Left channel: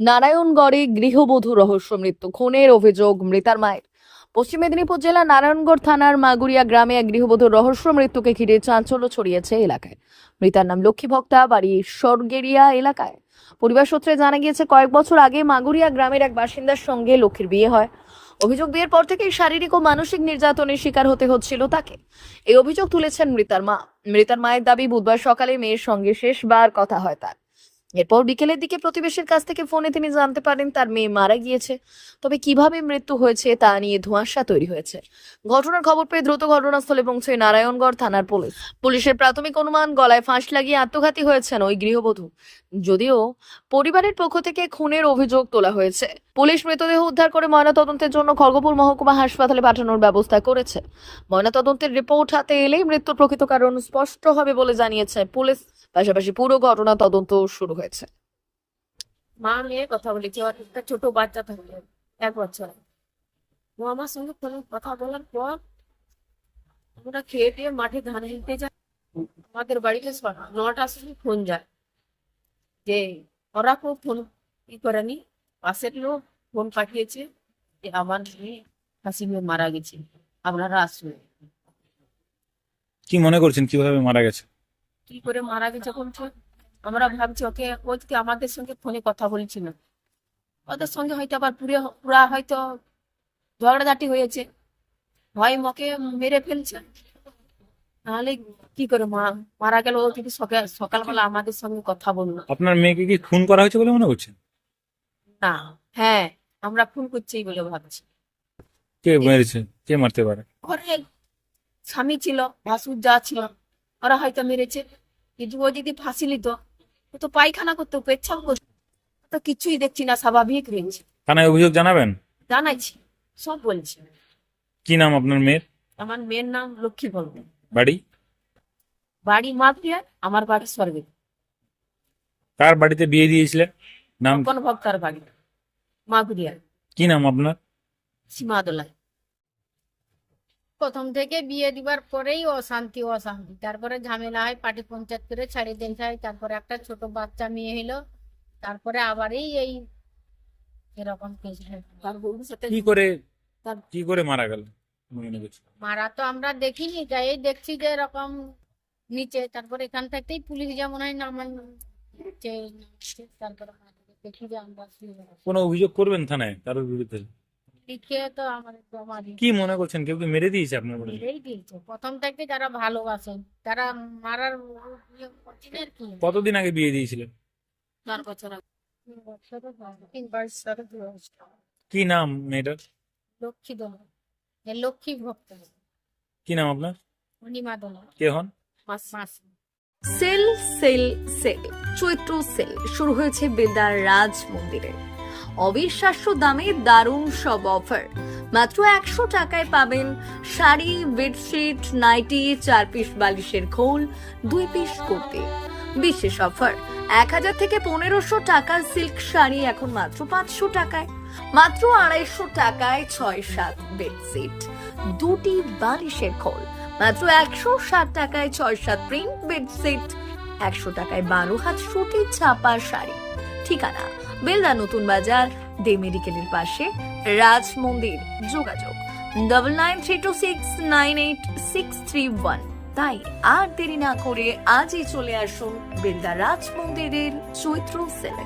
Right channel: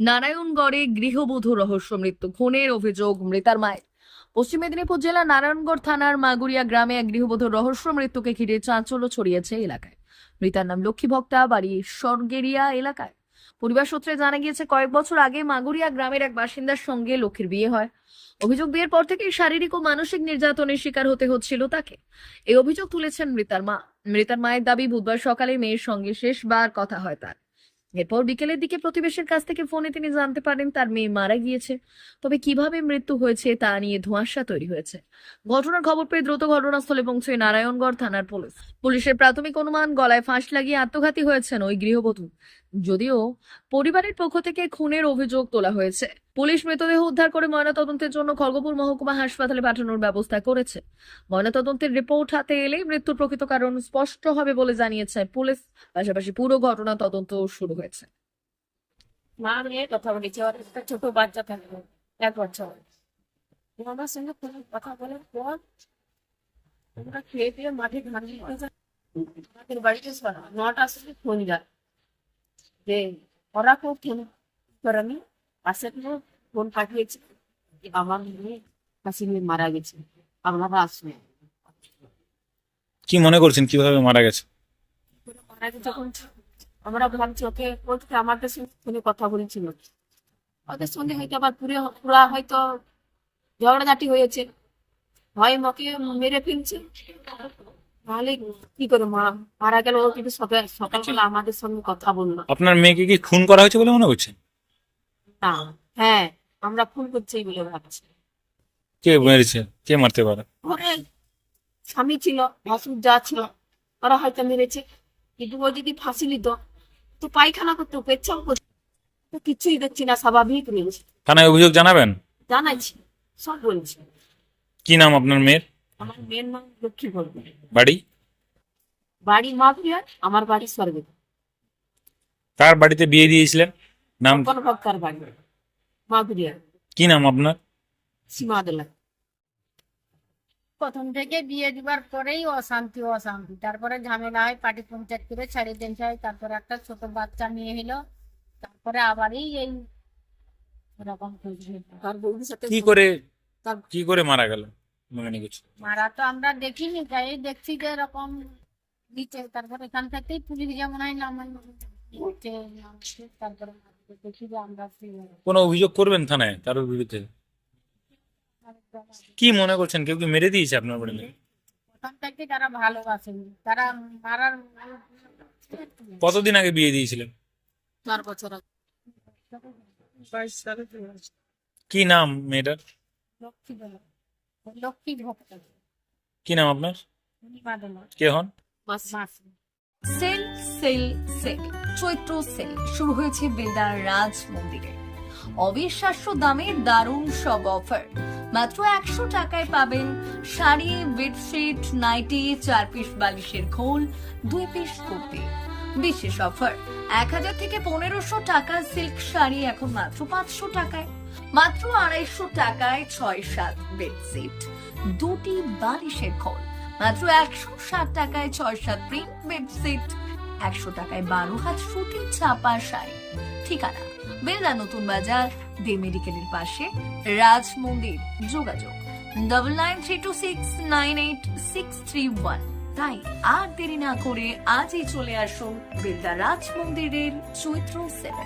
নারায়ণগড়ে গৃহবধূ রহস্য মৃত্যু, খুনের অভিযোগ মৃতার মায়ের। পশ্চিম মেদিনীপুর জেলার নারায়ণগড় থানার মাগুরিয়া গ্রামে এক গৃহবধূর রহস্য মৃত্যুকে ঘিরে চাঞ্চল্য ছড়িয়েছে এলাকায়। মৃতার নাম লক্ষ্মী ভক্তা, বাড়ি সরগেরিয়া এলাকায়। পরিবার সূত্রে জানা গিয়েছে, কয়েক বছর আগে মাগুরিয়া গ্রামের এক বাসিন্দার সঙ্গে লক্ষ্মীর বিয়ে হয়। অভিযোগ, বিয়ের পর থেকেই শারীরিক ও মানসিক নির্যাতনের শিকার হতে হচ্ছিল তাকে। এই অভিযোগ তুলেছেন মৃতার মা। মৃতার মায়ের দাবি, বুধবার সকালে মেয়ের সঙ্গে শেষবার কথা হয় তার। এরপর বিকেলের দিকে প্রতিবেশীর কাছ থেকে ফোনে তিনি জানতে পারেন তার মেয়ে মারা গিয়েছে। তবে কিভাবে মৃত্যু হয়েছে তা নিয়ে ধোঁয়াশা তৈরি হয়েছে। ঘটনার খবর পেয়ে দ্রুত ঘটনাস্থলে পৌঁছে নারায়ণগড় থানার পুলিশ। পুলিশের প্রাথমিক অনুমান, গলায় ফাঁস লাগিয়ে আত্মঘাতী হয়েছেন ওই গৃহবধূ। যদিও পরিবারের পক্ষ থেকে খুনের অভিযোগ তোলা হয়েছে। পুলিশ মৃতদেহ উদ্ধার করে ময়নাতদন্তের জন্য খড়গপুর মহকুমা হাসপাতালে পাঠানোর ব্যবস্থা করেছে। ময়নাতদন্তের রিপোর্ট হাতে এলেই মৃত্যুর প্রকৃত কারণ স্পষ্ট হবে বলে জানিয়েছে পুলিশ। পাশাপাশি পুরো ঘটনা তদন্ত শুরু হয়েছে। মা নিয়ে কথা বলেছি, আর একটা ছোট বাচ্চা থাকবে 1 বছর। ও আমার সঙ্গে ফোনে কথা বলার পর আমরা খেয়ে দিয়ে মাঠে ধান দিতে যাই। আমাদের বাড়িতে 9টার সময় ফোন যায় যে ওরা কেউ ফোন করেনি, পাশের লোক ফোন পাঠিয়েছে যে আমার মেয়ে ফাঁসি নিয়ে মারা গেছে, আপনারা আসুন। কি মনে করছেন কিভাবে মারা গেছে? কি করে মারা গেছে বলছে, আমরা ভাবছি ওকে ওদিকে আমাদের সঙ্গে ফোনে কথা বলছিল, ওদের সঙ্গে হয়তো আবার পুরা হয়তো ঝগড়াঝাটি হয়েছে, ভয় মকে মেরে ফেলছে। নাহলে কি করে মারা গেল? ও কিন্তু সকালবেলা আমাদের সঙ্গে কথা বললো আপনার মেয়েকে কি খুন করা হয়েছে বলে মনে করছেন? না। হ্যাঁ, আমরা ফোন করছি বলে ভাবছি। কে মেরেছে? কে মারতে পারে? ঘরে স্বামী ছিল, ভাসুর যা ছিল, ওরা হয়তো মেরেছে। কিন্তু ও যদি ফাঁসি নিত, ও তো পায়খানা করতো, পেচ্ছাপ করতো, তো কিছুই দেখছি না, স্বাভাবিক রয়েছে। থানায় অভিযোগ জানাবেন? জানাইছি, সব বলছি। কি নাম আপনার মেয়ের? আমার মেয়ের নাম লক্ষ্মী ভক্ত, বাড়ি? বাড়ি মাগুরিয়া, আমার বাড়ি স্বর্গে। কার বাড়িতে বিয়ে দিয়েছিলেন? নাম কোন ভক্তার বাড়ি মাগুরিয়া। কি নাম আপনার? সীমাদোলা। প্রথম থেকে বিয়ে দিবার পরেই অশান্তি, তারপরে ঝামেলা হয়, পার্টি পঞ্চায়েত করে ছাড়িয়ে দিতে হয়। তারপরে একটা ছোট বাচ্চা মেয়ে হলো, তারপরে আবারই এই এরকম কেস হলো। তার বউর সাথে কি করে মারা গেল মনে করছে? মারা তো আমরা দেখিনি, যাই দেখছি যে এরকম নিচে, তারপরে এখান থেকেই পুলিশ যেমন হয় নামছে, তারপরে দেখি যে আমরা কোনো অভিযোগ করবেন থানায় কারোর বিরুদ্ধে? লিখে তো আমাদের জমা দিই। কি মনে করছেন কেউ কি মেরে দিয়েছে আপনার বাড়ি? এই দিয়েছে প্রথম থেকে, যারা ভালোবাসেন তারা মারার করছেন আর কি। কতদিন আগে বিয়ে দিয়েছিলেন? 4 বছর আগে। কি নাম মেয়েটার? লক্ষ্মী দোলা, লক্ষ্মী ভক্ত, কি নাম আপনার? অনিমা দোলা, কে হন? মাসি। সেল সেল সেল চৈত্র সেল শুরু হয়েছে বেলদার রাজ মন্দিরে। অবিশ্বাস্য দামে দারুণ সব অফার। মাত্র 100 টাকায় পাবেন শাড়ি, বেডশিট, নাইটি, 4 পিস বালিশের খোল, 2 পিস কুর্তি। বিশেষ অফার, 1000 থেকে 1500 টাকার সিল্ক শাড়ি এখন মাত্র 500 টাকায়। মাত্র 250 টাকায় 6-7 বেডশিট, 2টি বালিশের খোল। মাত্র 160 টাকায় 6-7 প্রিন্ট বেডশিট, 100 টাকায় 12 হাত সুতি ছাপা শাড়ি। ঠিকানা বেলদা নতুন বাজার, দে মেডিকেলের পাশে, রাজ মন্দির। যোগাযোগ 9932698631। তাই আর দেরি না করে আজই চলে আসুন বেলদা রাজ মন্দিরের চৈত্র সেলে।